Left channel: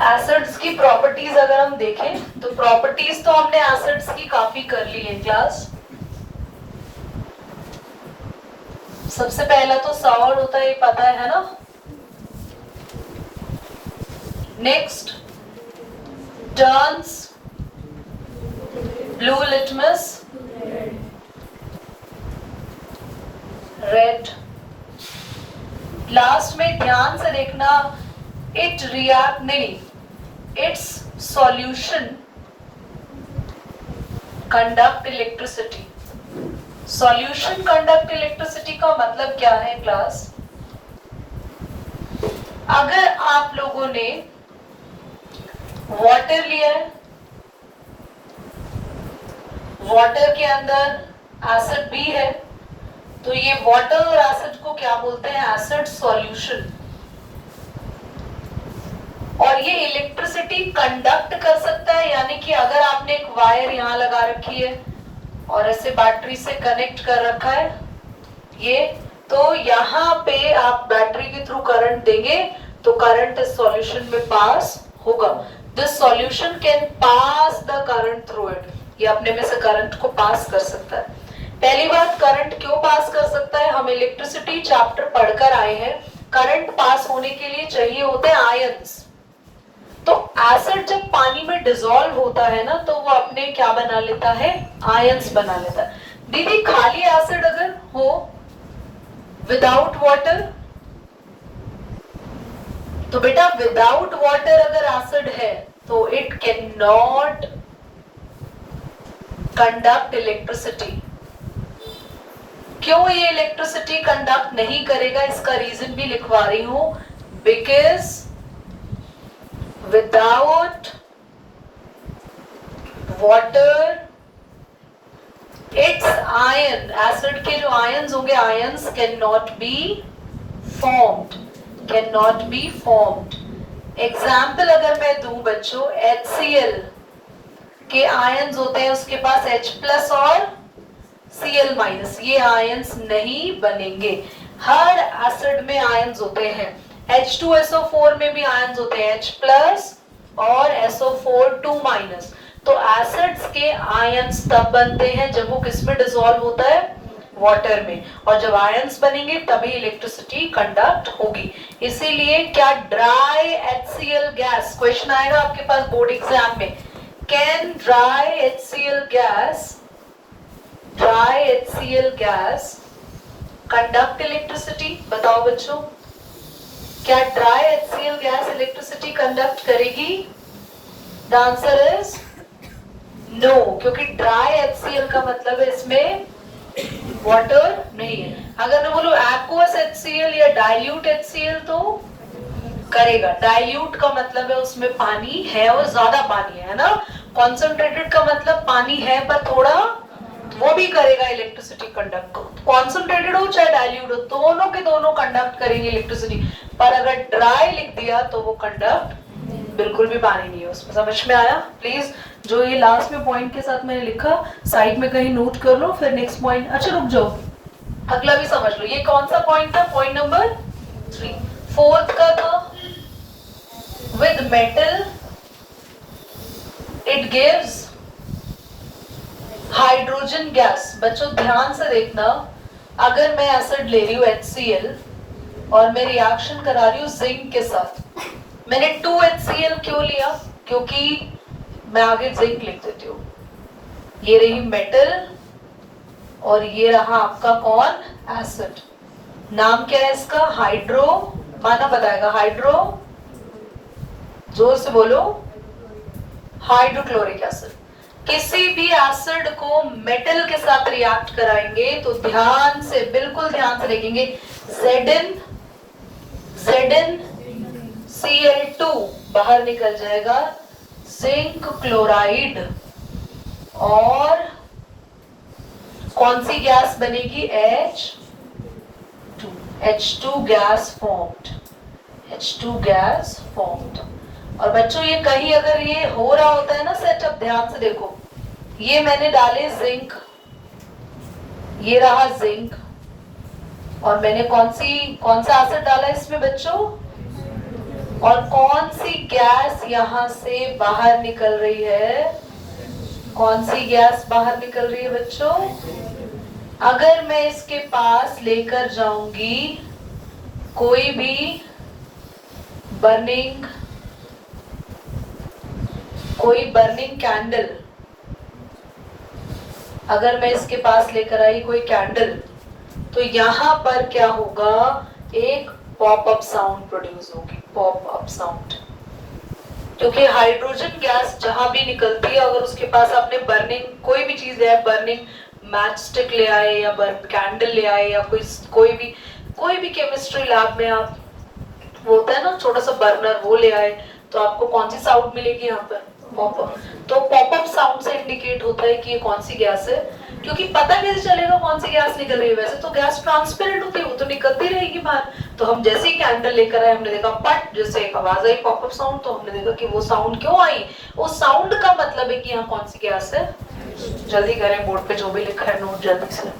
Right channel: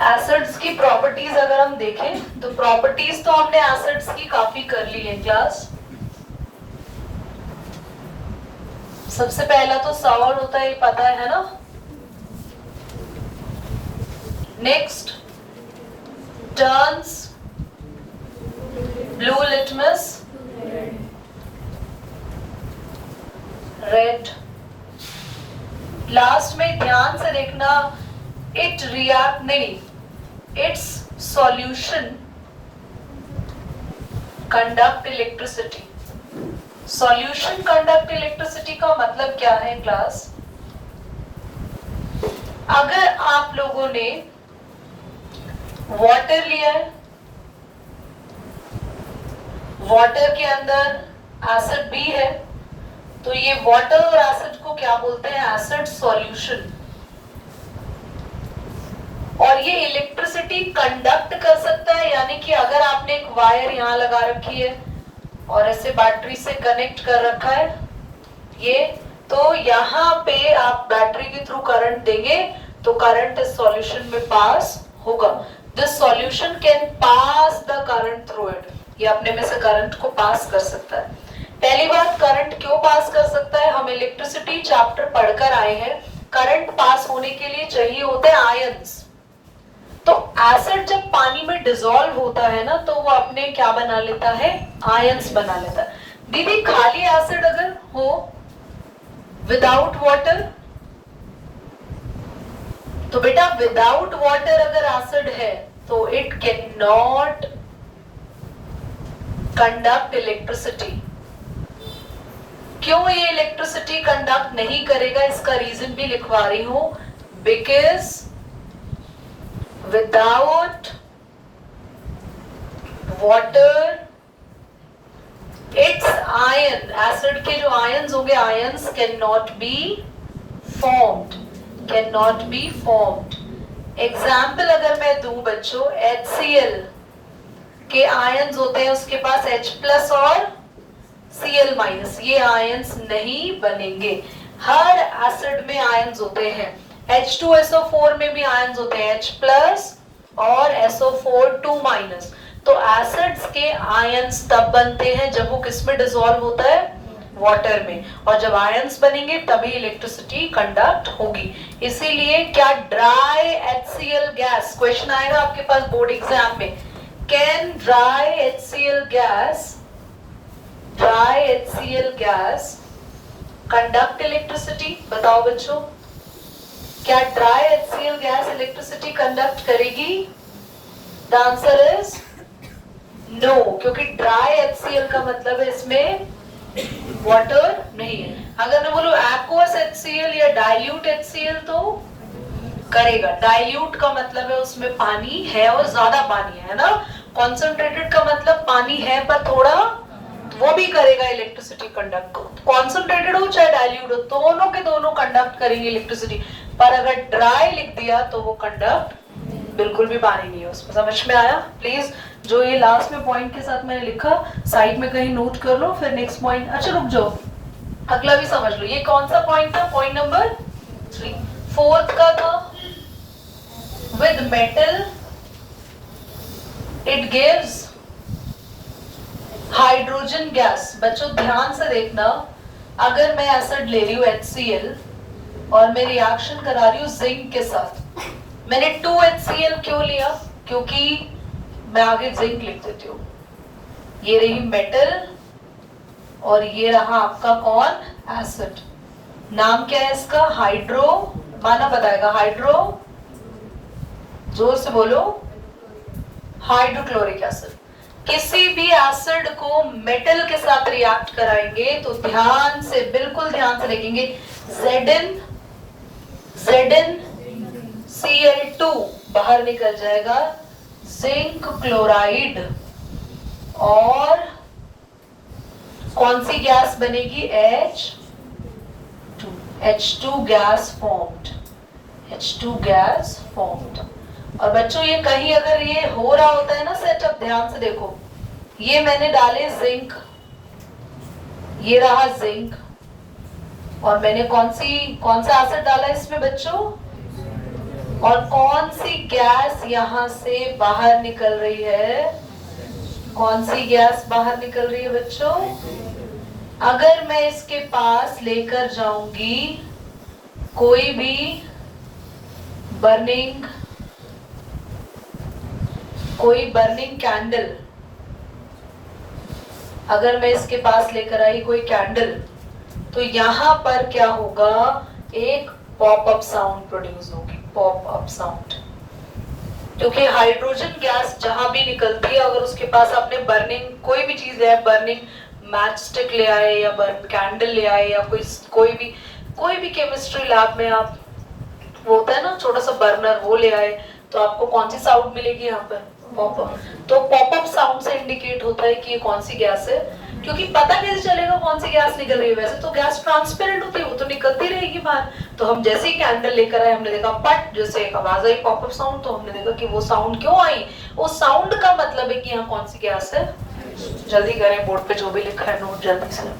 Acids की properties अगर हम देखें तो प्रॉपर्टीज तो हमने एसिड्स की काफी कर ली है क्लास। सबसे पहला तो सॉल्ट होता है, ये पता है ना। Next, turns blue litmus red. Last में ध्यान से देखना, इट रिएक्ट नहीं, it's solution conduct electricity. Solution conduct electricity का मतलब क्या है क्लास? अगर आप लोगों ने वाटर लिया है, वाटर के अंदर एसिड भी है, तो ये वाटर और एसिड को क्या बोलते हैं? Acid solution. और ये इलेक्ट्रिसिटी कंडक्ट कर सकता है, यानी कि अगर आपने एक वायर यहां लगा रखी है और ऐसे बैटरी से कनेक्ट कर रखा है ये, तो यहाँ पे आप बैटरी के थ्रू करंट देंगे तो करंट इस सॉल्यूशन में पास होगा। This solution can pass the current through it. ये अपने में से करंट को पास कर सकता है। पहली बात, करंट क्यों पास कर सकता है? हम इलेक्ट्रिसिटी चैप्टर पढ़कर आए हैं, करंट पास होने के लिए चाहिए होते हैं आयंस। तो एसिड जब पानी में डिसॉल्व होता है ना, तो वो अपने क्या बना लेता है? आयंस बना लेता है। दीदी खाली एसिड अगर हो विदाउट वाटर, तो बेटा विदाउट वाटर अगर एसिड है तो it can not conduct electricity. क्यों ये इलेक्ट्रिसिटी कंडक्ट नहीं करेगा? इसका रीजन भी लिखवा रही हूं। Because without water its ion, acid के जो ions होंगे, ions cannot be formed, cannot be formed। Example अगर मैं दूं बच्चों, HCl के ions होते हैं, उसके पास H प्लस और Cl माइनस, ये ions नहीं बनेंगे। हर एसिड में ions होते हैं। H2SO4 में भी आयंस होते हैं, H प्लस और SO4 2 माइनस। तो एसिड्स के आयंस तब बनते हैं जब वो किस में डिसॉल्व होता है? वाटर में। और जब आयंस बनेंगे तभी इलेक्ट्रिसिटी कंडक्ट होगी। इसीलिए क्या ड्राई HCl गैस, क्वेश्चन आएगा आपके पास बोर्ड एग्जाम में, can dry HCl gas conduct electricity? बताओ बच्चों, क्या dry HCl gas electricity conduct करेगी? द आंसर इज नो, क्योंकि ड्राई HCl का मतलब है इसमें वाटर नहीं है। अगर मैं बोलूं एक्वस HCl या डाइल्यूट HCl तो करेगा। डाइल्यूट का मतलब है उसमें पानी है और ज्यादा पानी है ना। कॉन्सेंट्रेटेड का मतलब पानी है पर थोड़ा, वो भी करेगा इलेक्ट्रिसिटी कंडक्ट। कॉन्सेंट्रेटेड हो चाहे डाइल्यूट हो, दोनों के दोनों कंडक्ट करेंगे इलेक्ट्रिसिटी। पर अगर ड्राई लिख दिया तो वो कंडक्ट बिल्कुल भी पानी नहीं है उसमें। समझ में आया? प्लीज जो ये लास्ट में पॉइंट के साथ मैंने लिखा साइड में कहीं नोट कर लो, फिर नेक्स्ट पॉइंट। अच्छा रुक जाओ, अगला भी समझ लो। ये कौन सा पॉइंट था? Point number 3। फोर्थ का था with metal it gives hydrogen gas. बच्चों ध्यान से देखना, अगर मैं एसिड ले रही हूँ HCl और मैं रिएक्शन करा रही हूँ जिंक के साथ, मैंने 2HCl क्यों लिया? क्योंकि मैं आगे जिंक लिख देती हूँ। ये रही मेटल और ये रहा आपका कौन? एसिड। नाम क्या है इसका? हाइड्रो, माना बताएगा, हाइड्रो, जोर से बोलो, हाइड्रोक्लोरिक एसिड। किसी भी एसिड को मेटल के साथ रिएक्ट कराएंगे तो ध्यान से, बिल्कुल ध्यान से देखेंगे, ZnCl2 बाहर निकल जाएगा, जिंक क्लोराइड, और कौन सी गैस बनेगी? H2 gas formed. और बच्चों ये कहीं अगर ये हो रहा होता है ना सेटअप, ध्यान से देखो, ये मैंने डाले जिंक, ये रहा जिंक, और मैंने कौन सा एसिड डाला इसमें बच्चों? और कौन सी गैस यहां से बाहर निकल रही है? कौन सी गैस बाहर निकल रही है बच्चों? अगर मैं इसके पास लेकर जाऊंगी कोई भी बर्निंग कैंडल, अगर मैं इसके पास लेकर आई कोई कैंडल, तो यहां पर क्या होगा? एक पॉपअप साउंड प्रोड्यूस होगी, पॉपअप साउंड। क्योंकि हाइड्रोजन गैस जहां भी निकलती है, अगर उसके पास आपने बर्निंग कोई भी चीज है, बर्निंग मैच स्टिक ले आए या कैंडल ले आए या कोई भी केमिस्ट्री लैब में आप, वो होता है ना छोटा सा बर्नर, वो ले आए, तो आपको कौन सी साउंड मिलेगी यहाँ पर? पॉपअप। तो पॉपअप साउंड से इंडिकेट होता है कि ये कौन सी गैस है। क्योंकि पता कैसे चलेगा कौन सी गैस निकल रही है? वैसे तो गैस ट्रांसपेरेंट होती है, वो तो निकलती रहेगी बाहर। तो हम जैसे ही कैंडल लेकर आए, हमने देखा पट, जैसे एक आवाज आई पॉपअप साउंड, तो हमने देखा कि वो साउंड क्यों आई? वो साउंड का मतलब है कि यहाँ कौन सी गैस है। जल्दी करें, बोर्ड पे जो भी लिखा है नोट जल्दी से।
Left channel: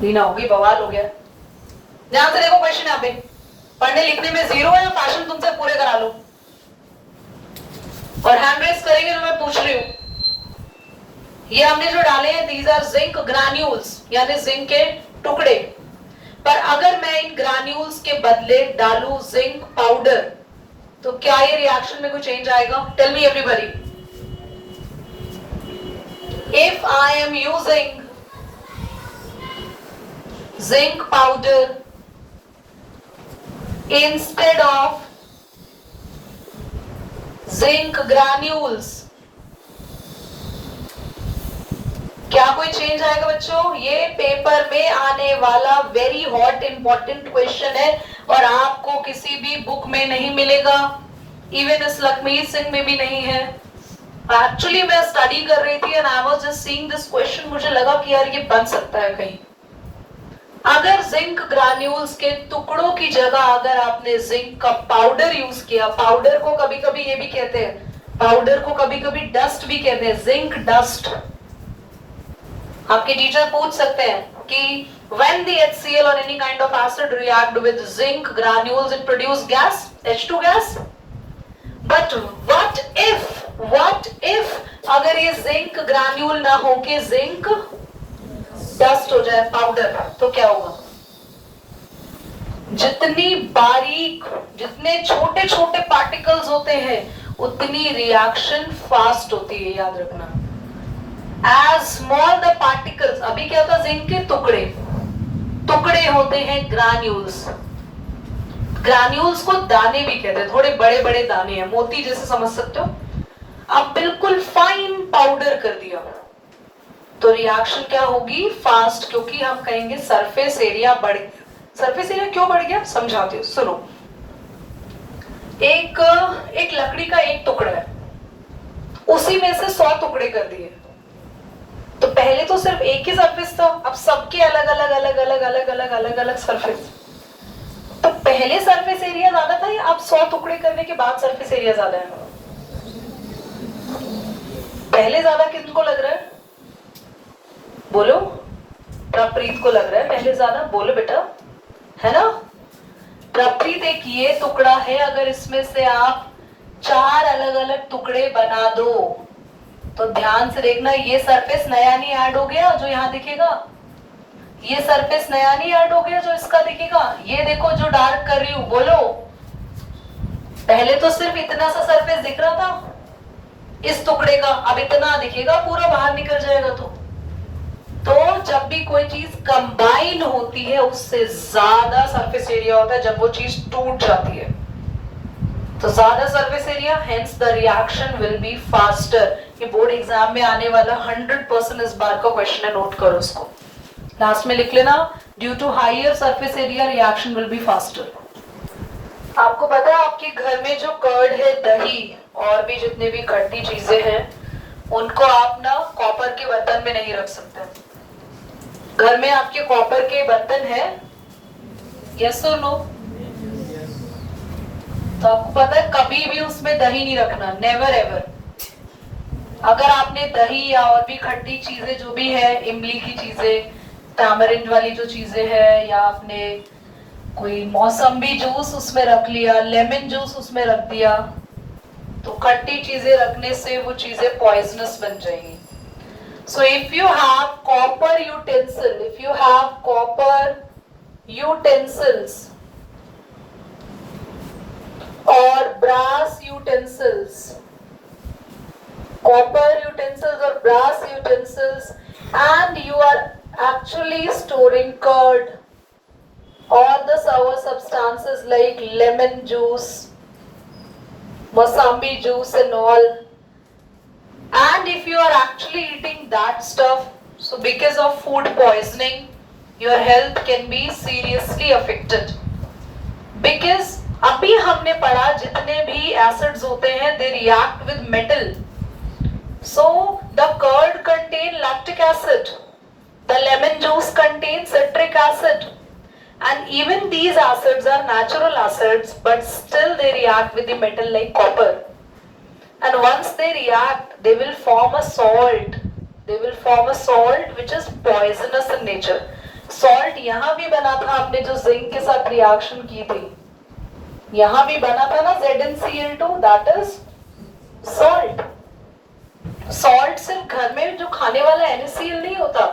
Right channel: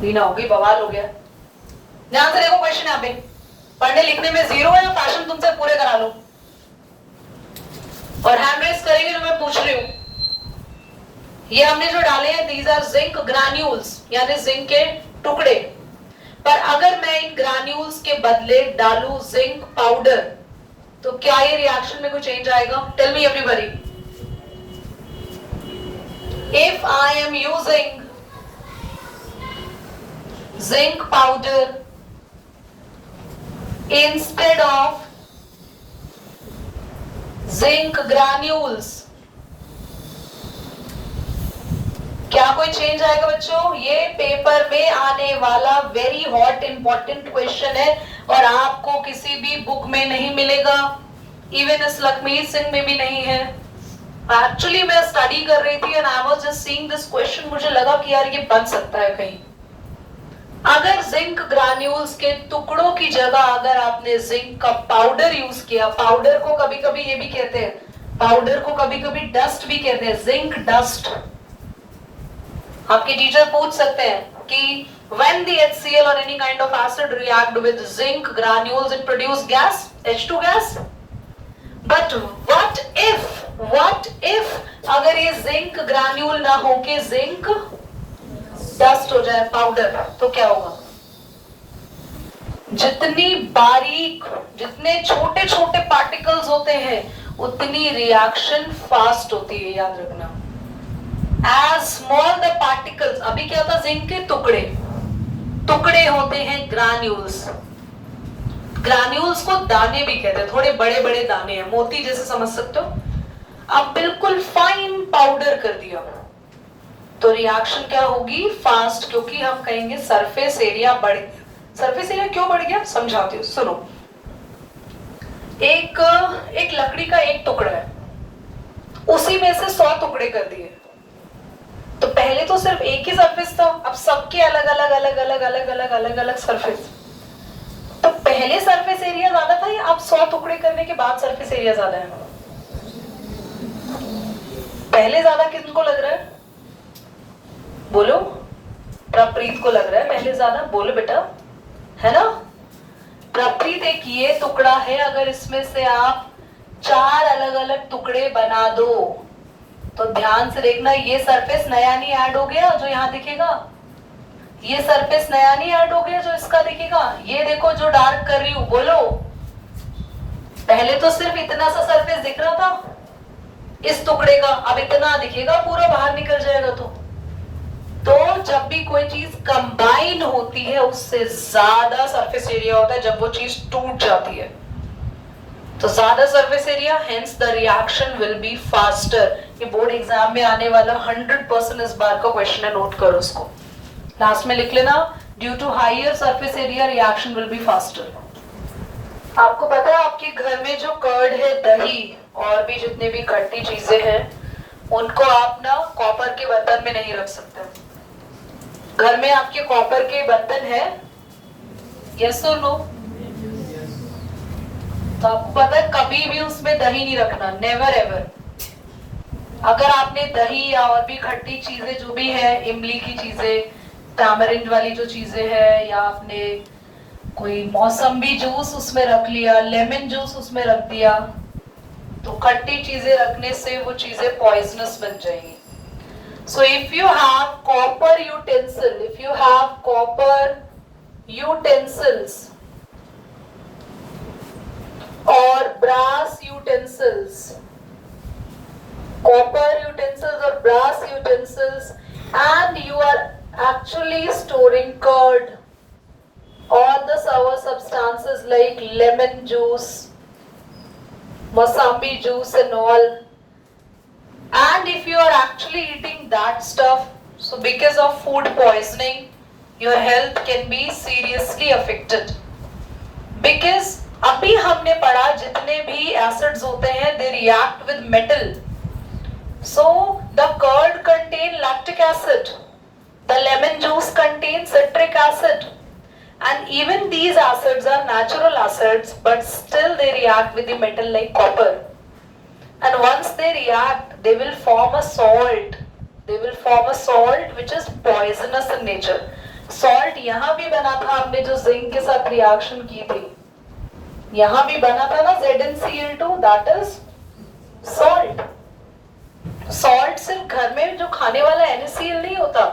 नीना होगी, बवाल हो गया। ध्यान से देखो क्वेश्चन यहाँ पे, पढ़ने लिखने में 0 है, फैशन तुमसे पूरे करा लूं। और हैंड रेस करेंगे तो मैं पूछ रही हूं। ये हमने जो डाले हैं, दीज आर जिंक ग्रैन्यूल्स, यानी जिंक के टुकड़े। पर अगर मैं इन ग्रैन्यूल्स के बदले डालूं जिंक पाउडर, तो क्या ये रिएक्शन में कोई चेंज आएगा? Tell me everybody. If I am using zinc powder instead of zinc granules, क्या कोई चेंज आएगा बच्चों? ये पेपर में आने वाला वेरी हॉट इंपॉर्टेंट क्वेश्चन है और आपको किसी भी बुक में नहीं मिलेगा, इवन इस लखमीत सिंह में भी नहीं है। एक्चुअली मैं स्टडी कर रही थी and I was just seeing this question, मुझे लगा कि यार ये बन सकता है कहीं। अगर जिंक ग्रैन्यूल्स के टुकड़ों की जगह अगर आपने जिंक का पाउडर यूज किया, पाउडर को कभी कभी ये भी कहते हैं, पाउडर को कभी कभी डस्ट भी कहते हैं, जिंक डस्ट। आपके टीचर पूछ सकते हैं कि when the HCl or any kind of acid react with zinc granules it produce gas, H2 gas. But what if अगर ये जिंक ग्रैन्यूल ना हो के जिंक डस्ट हो जाए, पाउडर, तो क्या होगा? जितनी बारीक, जितने छोटे छोटे पार्टिकल्स होते हैं, उतनी रिएक्शन फास्ट होती है, याद रखना। एज स्मॉल द पार्टिकल्स, अभी क्या था? जिंक के टुकड़े होते हैं ग्रैन्यूल्स। ग्रैन्यूल्स को दाने भी कहते हैं, थोड़े बड़े बड़े दाने हैं, मोती जैसे समझ सकते हो। अब बिल्कुल फाइन पाउडर कर दिया, तो रिएक्शन क्या होगी? फास्ट, क्योंकि हम कहेंगे सरफेस एरिया बढ़ गया। सरफेस एरिया क्यों बढ़ गया समझाती हूँ, सुनो। एक लकड़ी का एक टुकड़ा है, उसी में से 100 टुकड़े कर दिए। तो पहले तो सिर्फ एक ही सरफेस था, अब सबके अलग अलग अलग अलग अलग अलग अलग अलग सरफेस। तो पहले सरफेस एरिया ज्यादा था या अब 100 टुकड़े करने के बाद सरफेस एरिया ज्यादा है? पहले ज्यादा किनको लग रहा है? बोलो। प्रप्रीत को लग रहा है पहले ज्यादा, बोलो बेटा, है ना? प्रप्रीत, एक ये टुकड़ा है, अगर इसमें से आप 4 अलग अलग टुकड़े बना दो, तो ध्यान से देखना, ये सरफेस नया नहीं ऐड हो गया जो यहाँ दिखेगा, ये सरफेस नया नहीं ऐड हो गया जो इसका दिखेगा। ये देखो जो डार्क कर रही हूं, बोलो। पहले तो सिर्फ इतना सा सरफेस दिख रहा था इस टुकड़े का, अब इतना दिखेगा, पूरा बाहर निकल जाएगा। तो जब भी कोई चीज कंबाइन होती है उससे ज्यादा सरफेस एरिया होता है जब वो चीज टूट जाती है, तो ज्यादा surface area, hence the reaction will be faster. ये बोर्ड एग्जाम में आने वाला 100% इस बार का क्वेश्चन है, नोट करो इसको, लास्ट में लिख लेना। Due to higher surface area reaction will be faster. आपको पता है आपके घर में जो कर्ड है, दही और भी जितने भी खट्टी चीजें हैं, उनको आप ना कॉपर के बर्तन में नहीं रख सकते। घर में आपके कॉपर के बर्तन है? यस और नो? तो आपको पता है कभी भी उसमें दही नहीं रखना, नेवर एवर। अगर आपने दही या और भी खट्टी चीजें जो भी है, इमली की चीजें, टैमरिंड वाली जो चीजें है, या आपने कोई मौसम्बी जूस उसमें रख लिया, लेमन जूस उसमें रख दिया, तो खट्टी चीजें रखने से वो चीजें पॉइजनस बन जाएंगी। So if you have copper utensils or brass utensils, and you are actually storing curd or the sour substances like lemon juice, Mosambi juice and all, and if you are actually eating that stuff, so because of food poisoning your health can be seriously affected, because अभी हमने पढ़ा जितने भी acids होते हैं they react with metal, so the curd contain lactic acid, the lemon juice contains citric acid, and even these acids are natural acids, but still they react with the metal like copper. And once they react, they will form a salt. Which is poisonous in nature. Salt यहाँ भी बना था, हमने जो zinc के साथ reaction की थी, यहाँ भी बना था ना ZnCl2, that is salt. Salt सिर्फ घर में जो खाने वाला NaCl नहीं होता,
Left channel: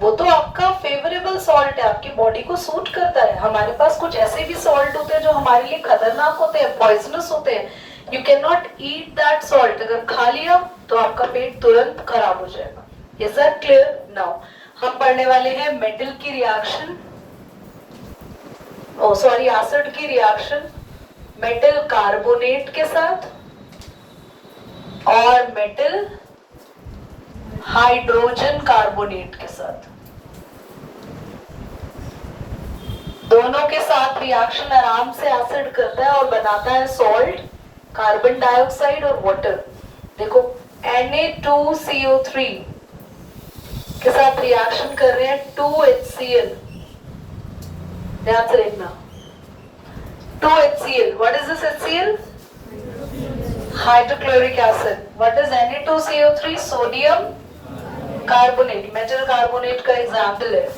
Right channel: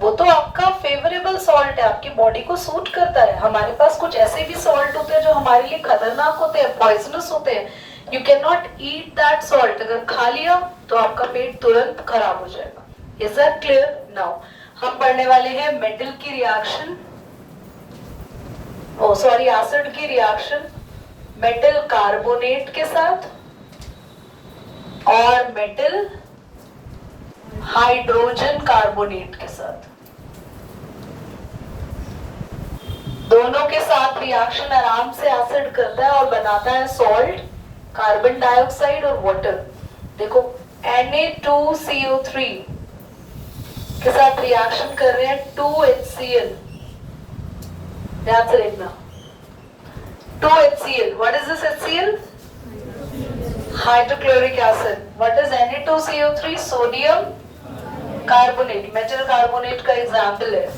वो तो आपका फेवरेबल सॉल्ट है, आपकी बॉडी को सूट करता है। हमारे पास कुछ ऐसे भी सॉल्ट होते हैं जो हमारे लिए खतरनाक होते हैं, पॉइजनस होते हैं। You can not eat that salt, अगर खा लिया तो आपका पेट तुरंत खराब हो जाएगा। Is that clear? नाउ हम पढ़ने वाले हैं मेटल की रिएक्शन, एसिड की रिएक्शन मेटल कार्बोनेट के साथ और मेटल हाइड्रोजन कार्बोनेट के साथ। दोनों के साथ रिएक्शन आराम से एसिड करता है और बनाता है सॉल्ट, कार्बन डाइऑक्साइड और वाटर। देखो Na2CO3 के साथ रिएक्शन कर रहे हैं 2HCl, ध्यान से देखना 2HCl। What is this HCl? Hydrochloric acid. What is Na2CO3? Sodium carbonate, metal carbonate का एग्जाम्पल है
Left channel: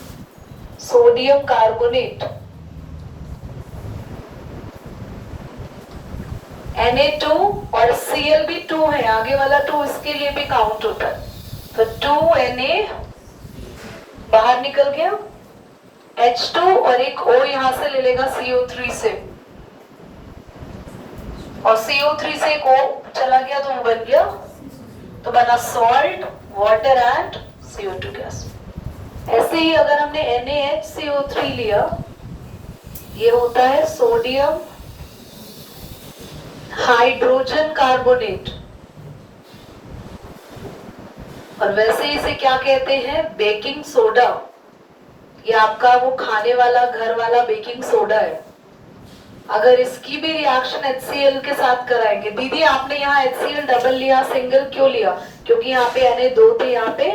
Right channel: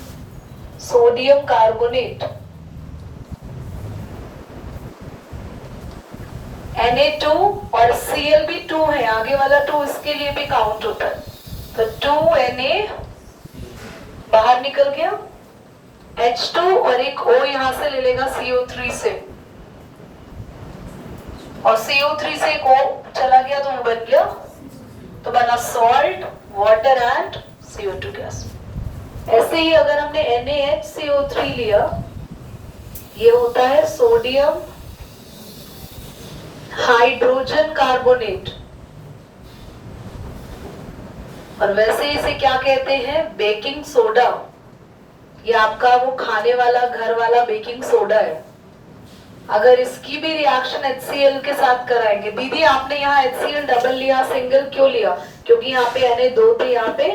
सोडियम कार्बोनेट। Na2 और Cl भी 2 है, आगे वाला 2 इसके लिए भी काउंट होता है, तो 2Na बाहर निकल गया, H2 और एक O यहां से ले लेगा CO3 से, और CO3 से एक O चला गया तो वो बन गया, तो बना salt, water and CO2 gas. ऐसे ही अगर हमने NaHCO3 लिया, ये होता है सोडियम हाइड्रोजन कार्बोनेट, और वैसे इसे क्या कहते हैं? Baking soda. ये आपका वो खाने वाला घर वाला बेकिंग सोडा है। अगर इसकी भी रिएक्शन HCl के साथ कराएंगे, दीदी आपने यहाँ HCl डबल लिया, सिंगल क्यों लिया? क्योंकि यहाँ पे Na2 थे, यहाँ पे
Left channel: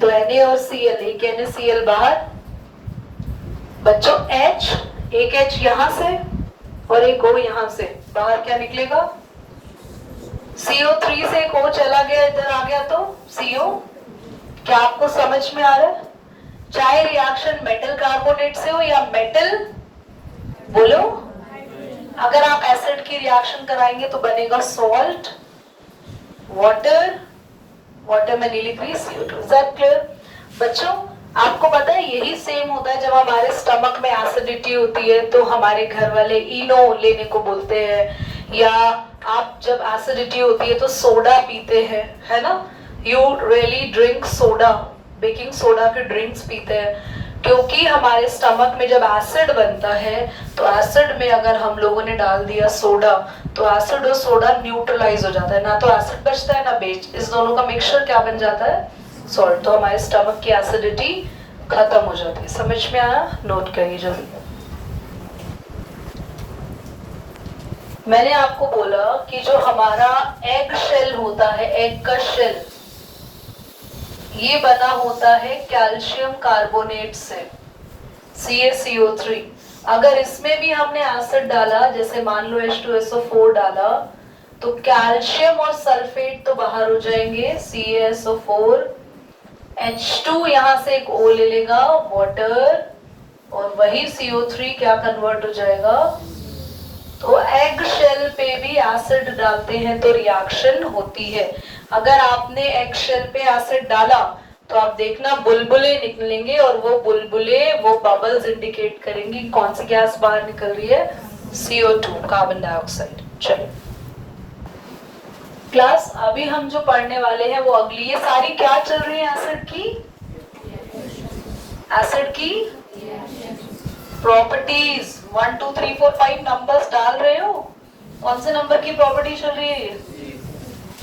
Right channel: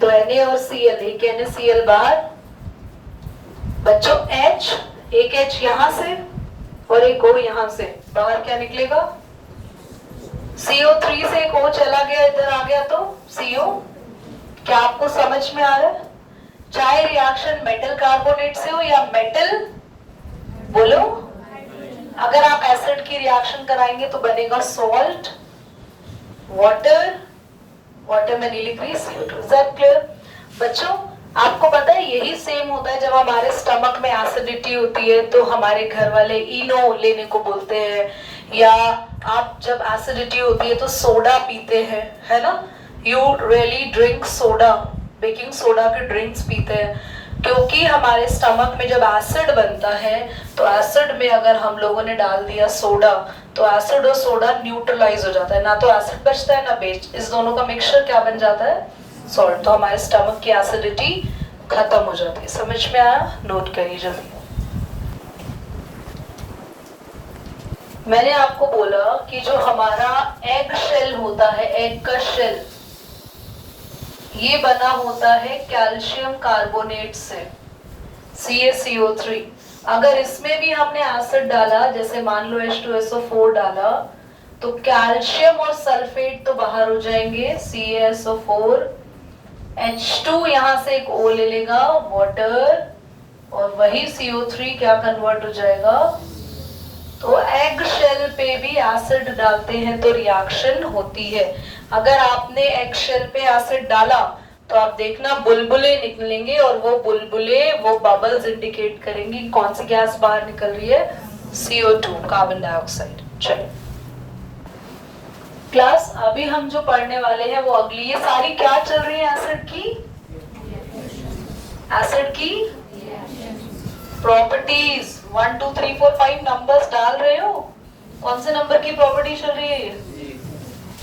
तो Na और Cl, एक NaCl बाहर, बच्चों H, एक H यहाँ से और एक O यहाँ से, बाहर क्या निकलेगा? CO3 से एक O चला गया, इधर आ गया तो CO। क्या आपको समझ में आ रहा है? चाहे रिएक्शन मेटल कार्बोनेट से हो या मेटल, बोलो, अगर आप एसिड की रिएक्शन कराएंगे तो बनेगा सॉल्ट, वाटर, वाटर में नीली please CO2। Is that clear? बच्चों आपको पता है यही सेम होता है जब हमारे स्टमक में एसिडिटी होती है तो हमारे घर वाले इनो लेने को बोलते हैं, या आप जब एसिडिटी होती है तो सोडा पीते हैं, है ना? You really drink soda, baking soda के ड्रिंक्स पीते हैं, क्योंकि हमारे स्टमक में जब एसिड बनता है तो एसिड में अगर हम लोगों ने डाल दिया सोडा तो एसिड और सोडा न्यूट्रलाइज हो जाता है, ना तो एसिड बचता है ना बेस, इस दोनों का मिक्सचर क्या बन जाता है? सॉल्ट। तो हमारे स्टमक की एसिडिटी खत्म हो जाती है। समझ में आया? नोट करिए जल्दी। मैंने आपको बोला कि जो हमारा एग शेल होता है, एग का शेल, ये बना होता है कैल्शियम कार्बोनेट से, CaCO3, अगर इसमें भी हमने एसिड डाला, जैसे मान लो H2SO4 डाला, तो कैल्शियम और सल्फेट तो बाहर हो जाएंगे, CaSO4, H2 यहाँ से एक O ले लेगा, वाटर, और वही CO3 क्या कन्वर्ट हो जाएगा। तो एग शेल पे भी एसिड डालते हैं तो रिएक्शन होती है। अगर आपने एग शेल पे एसिड डाला तो आप देखना बुलबुले निकलेंगे, और वो बुलबुले, वो बबल्स इंडिकेट करेंगी कौन सी गैस बाहर निकल रही है, CO2, कार्बन डाइऑक्साइड। चलिए क्लास, अभी हम जो पढ़ने वाले हैं वो अगली, ये सारी क्या चल रही है एसिड की, एसिड की प्रॉपर्टीज। 1 2 3 4 5 नंबर्स डाल रहे हो, कौन से नंबर की प्रॉपर्टी चल रही है ये,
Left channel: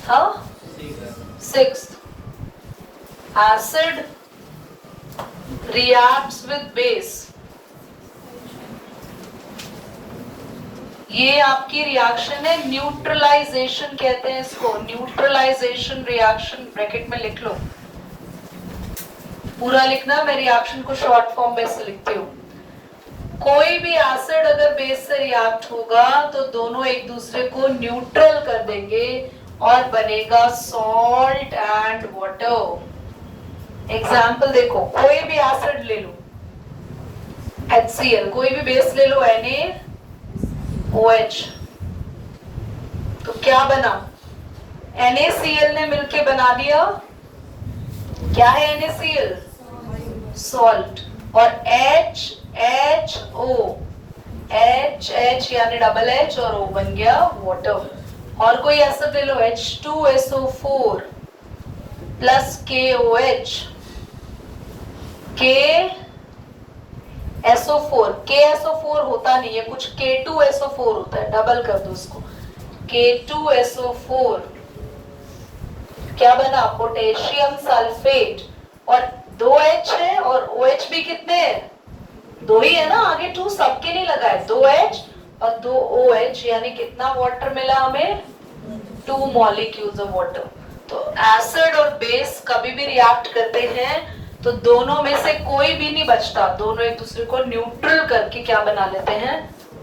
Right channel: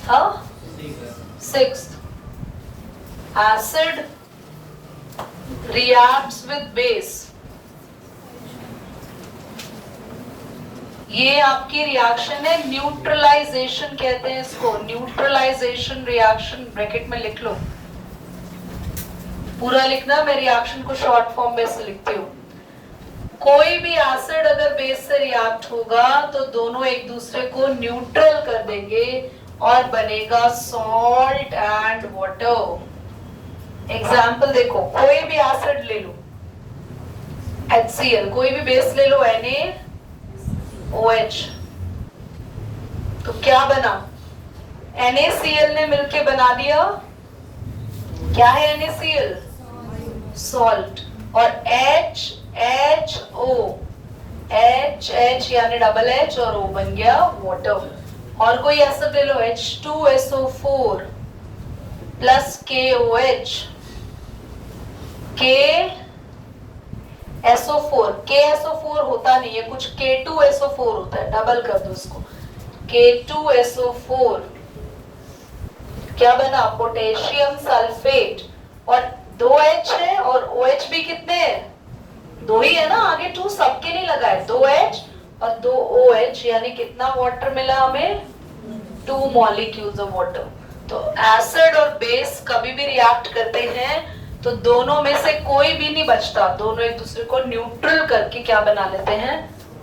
हाँ 6। एसिड रिएक्ट्स विद बेस, ये आपकी रिएक्शन है, न्यूट्रलाइजेशन कहते हैं इसको, न्यूट्रलाइजेशन रिएक्शन, ब्रैकेट में लिख लो, पूरा लिखना, मैं रिएक्शन को शॉर्ट फॉर्म में से लिखती हूँ। कोई भी एसिड अगर बेस से रिएक्ट होगा तो दोनों एक दूसरे को न्यूट्रल कर देंगे और बनेगा सॉल्ट एंड वाटर। एग्जाम्पल देखो, कोई भी एसिड ले लो, HCl, कोई भी बेस ले लो, NaOH, तो क्या बना, NaCl ने मिलके बना दिया, क्या है NaCl, सॉल्ट, और HHO, H यानी डबल H और O बन गया वाटर। और कोई एसिड ले लो, H2SO4 प्लस KOH, KSO4 होता नहीं है कुछ, K2SO4 होता है, डबल कर दो इसको, K2SO4, क्या बना, पोटेशियम सल्फेट, और 2H है और OH भी कितने हैं, 2 ही है ना, आगे 2 सबके नहीं लगा है, 2H और 2OH, यानी कितना वाटर मिला हमें, 2 मॉलिक्यूल्स ऑफ वाटर। तो एसिड और बेस कभी भी रिएक्ट करते हैं तो दोनों में से कोई भी नहीं बचता, दोनों एक दूसरे को न्यूट्रल करके क्या बना लेते हैं,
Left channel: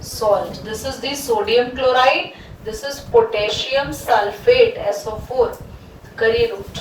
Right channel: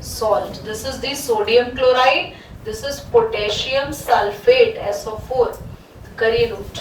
salt. This is the sodium chloride, this is potassium sulphate SO4। करिए रूट।